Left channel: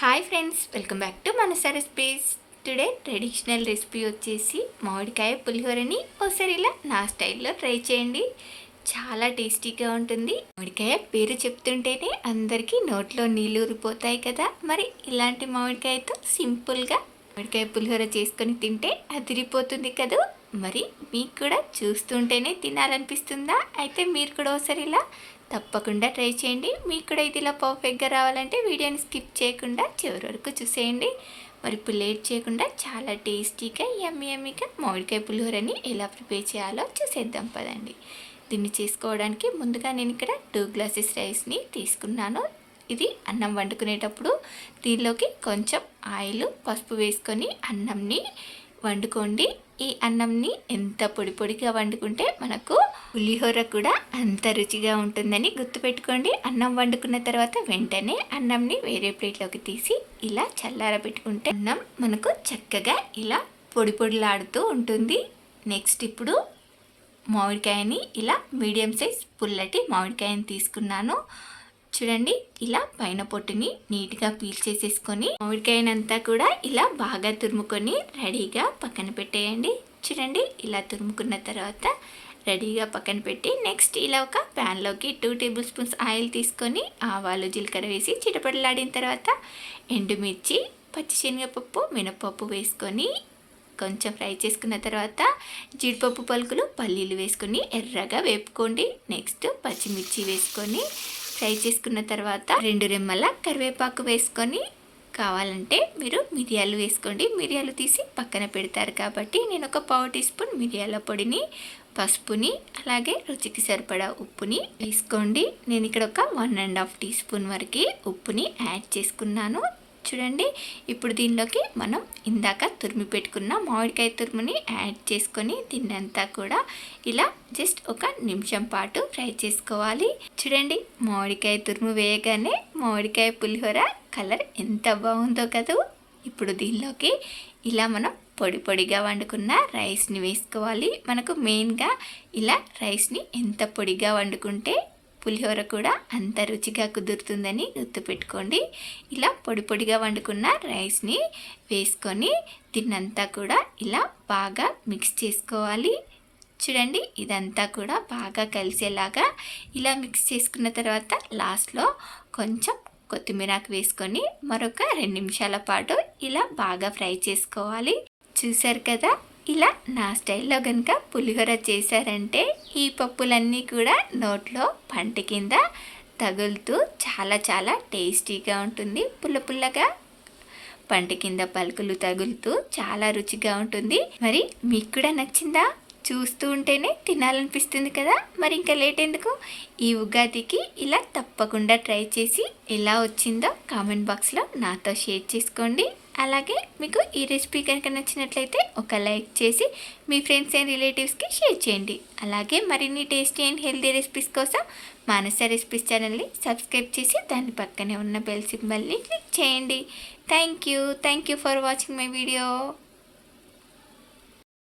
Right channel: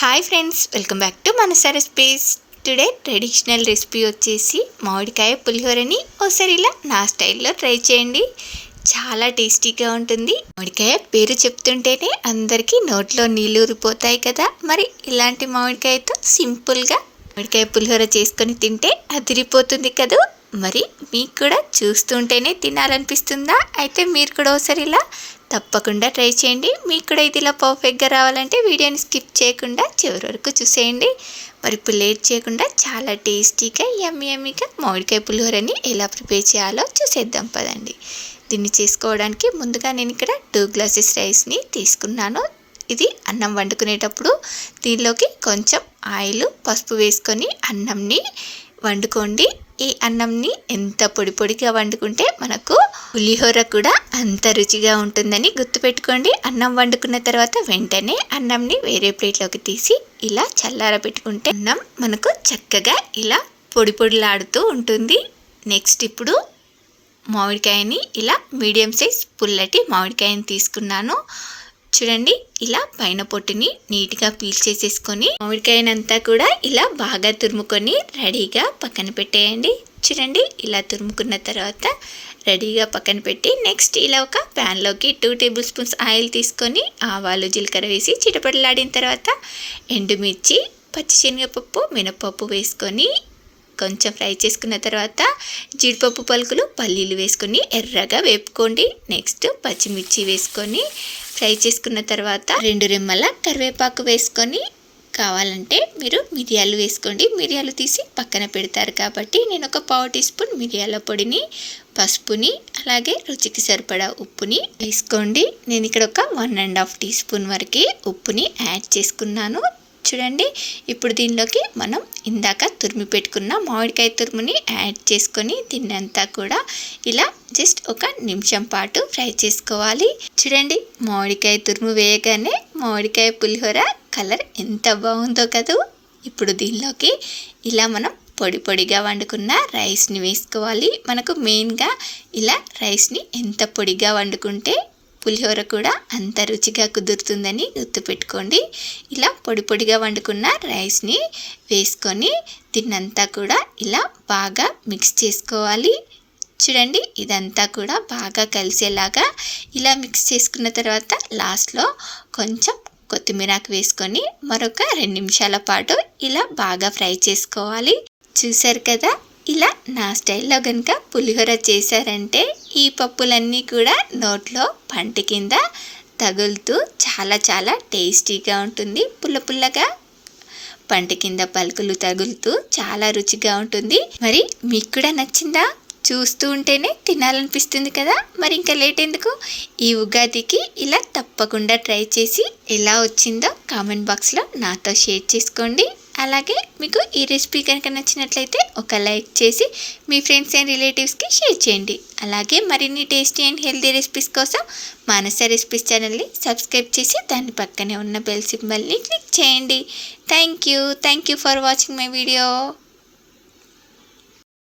Hi friends welcome back to Manasa recipes today traditional recipe వచ్చేసి మామిడికాయ పులిహోరని ఒకసారి ఇలా నా స్టైల్లో ట్రై చేయండి. చాలా టేస్టీగా ఉంటుంది. మామిడికాయ పేరు చెప్తుంటేనే అందరికీ నోట్లో నీళ్ళు ఊరిపోతాయి కదా. మరి ఇలాంటి మామిడికాయతో సింపుల్గా మామిడికాయ పులిహోర చేసుకొని తింటే అదిరిపోతుంది కదా. మరి మీకు కూడా చూస్తుంటేనే తినాలనిపిస్తుందా? అయితే మీరు కూడా ఒకసారి ఇలా తప్పకుండా ట్రై చేయండి. మీకు కూడా ఇది ఇలా పర్ఫెక్ట్గా రావాలంటే వీడియోని స్కిప్ చేయకుండా చివరి వరకు చూసేయండి. మరి ఇప్పుడు లేట్ చేయకుండా చాలా టేస్టీగా ఎమ్మి ఎమ్మిగా మామిడికాయ పులిహోరని ఎలా ప్రిపేర్ చేయాలో చూసేద్దాం పదండి. దీన్ని చేసుకోవడానికి ముందుగా నేను ఇక్కడ టూ గ్లాసెస్ రైస్ని తీసుకున్నాను. ఇది అన్నం వండుకునేటప్పుడు దీనిలోకి కొంచెం ఆయిల్ పసుపు వేసుకొని అన్నంని వండుకోండి. ఈ అన్నంని ఎంత పొడి పొడిగా వండుకుంటే మనకు పులిహోర కూడా అంత రుచిగా ఉంటుందని గుర్తుపెట్టుకోండి. అన్నం వండుకున్న తర్వాత వెంటనే అన్నంని వేరే ప్లేట్లోకి తీసి ఇలా చల్లార పెట్టుకుంటే అన్నం మనకు చక్కగా ఇలా పొడి పొడిలాడుతూ ఉంటుంది. నెక్స్ట్ ఇప్పుడు మామిడికాయని ఇలా మీడియం సైజ్ పుల్లటి మామిడికాయని తీసుకున్నాను. చూడండి ఇలా పైన పొట్టుని నీట్గా పీల్ చేసేసుకొని మామిడికాయనంతా కూడా ఇలా బాగా తురుముకొని రెడీగా పక్కన పెట్టేయండి. చూడండి ఇలా తురుముకున్న తర్వాత రెడీగా పక్కన పెట్టి నెక్స్ట్ ఇలా ఒక ప్యాన్లోకి టూ టేబుల్ స్పూన్స్ ఆయిల్ తీసుకొని ఆవాలు జీలకర్ర వేసి చిటపడలాడిన తర్వాత ఎండుమిర్చి పచ్చిశనగపప్పు మినపప్పు వేసుకొని కొంచెం ఫ్రై చేసుకున్న తర్వాత జీడిపప్పు పలుకులు పల్లీలు వేసుకొని ఎర్రగా వేపుకోండి. నెక్స్ట్ పచ్చిమిర్చి వేసుకొని ఫ్రై చేసుకున్న తర్వాత రెండు రెమ్మల కరివేపాకు వేసుకొని కావాలంటే మీరు మిరియాలు వేసుకోండి. మిరియాలు తీసి పక్కన పెడతారు కాబట్టి నేను ఒక పావు టీ స్పూన్ మిరియాల పొడిని పసుపుని అలాగే రుచికి సరిపడా ఉప్పుని వేసుకోండి. నేను ఇక్కడ ఒక one and half teaspoon వరకు ఉప్పుని యాడ్ చేసుకున్నాను. చూడండి. ఇప్పుడు దీనిలోకి మనం ఇందాక తురిమి పెట్టుకున్న మామిడికాయ తురుముని యాడ్ చేసుకొని దీన్నంతా కూడా ఇలా జస్ట్ ఒక నిమిషం పాటు ఫ్రై చేసుకోవాలి. చూడండి మామిడికాయ తురుము వేయగానే మామిడికాయ పులిహోర కలర్ ఎంత బాగుందో కదా! ఇప్పుడు దీనిలోకి ఇలా మనం పొడి పొడిగా వండుకున్న రైస్ని వేసుకోవాలి. మనకు మెయిన్గా ఇలా రైస్ని ఎంత పొడిగా వండుకుంటే పులిహోర కూడా అంత రుచిగా కుదురుతుందని గుర్తుపెట్టుకోండి. ఇలా పొడి పొడిగా వండుకున్న రైస్ని వేసుకొని తిన్నంతా కూడా ఇలా బాగా మిక్స్ చేసుకోవాలి. చూడండి ఇదంతా కూడా బాగా కలిసేలాగా ఇలా మిక్స్ చేసుకున్న తర్వాత లాస్ట్లో కొంచెం కొత్తిమీరాకు వేసుకొని మరొక రెండు నిమిషాల పాటు ఇలా బాగా ఫ్రై చేసుకోవాలి. చూసారు కదా? ఇలా నా స్టైల్లో కనుక పులిహోర చేశారంటే ఈ పప్పులన్నీ కూడా నోట్లో పంట కింద తగులుతూ చాలా చాలా టేస్టీగా ఉంటుంది. పుల్ల పుల్లగా పంట కింద పలుకులు తగులుతూ చాలా రుచిగా ఉంటుంది. మరి మీకు కూడా నచ్చిందా? చూస్తూ ఉంటేనే తినాలనిపిస్తుంది కదా? మరి ఇంకా లేట్ ఎందుకు? ఈ ఉగాదికి ఇలా తప్పకుండా ట్రై చేసి ఎలా వచ్చిందో కామెంట్ బాక్స్లో నాతో షేర్ చేసుకోండి. అలాగే మీకు ఈ రెసిపీ కనుక నచ్చినట్లయితే ఒక లైక్ చేసి మీ ఫ్రెండ్స్ అండ్ రిలేటివ్స్కి షేర్ చేయండి. అలాగే మరిన్ని టేస్టీ అండ్ హెల్తీ రెసిపీస్ కోసం మానస రెసిపీస్ ఛానల్ని సబ్స్క్రైబ్ చేసి దాని పక్కనే ఉన్న బెల్ సింబల్ని క్లిక్ చేయండి. Thank you thank you for watching my video.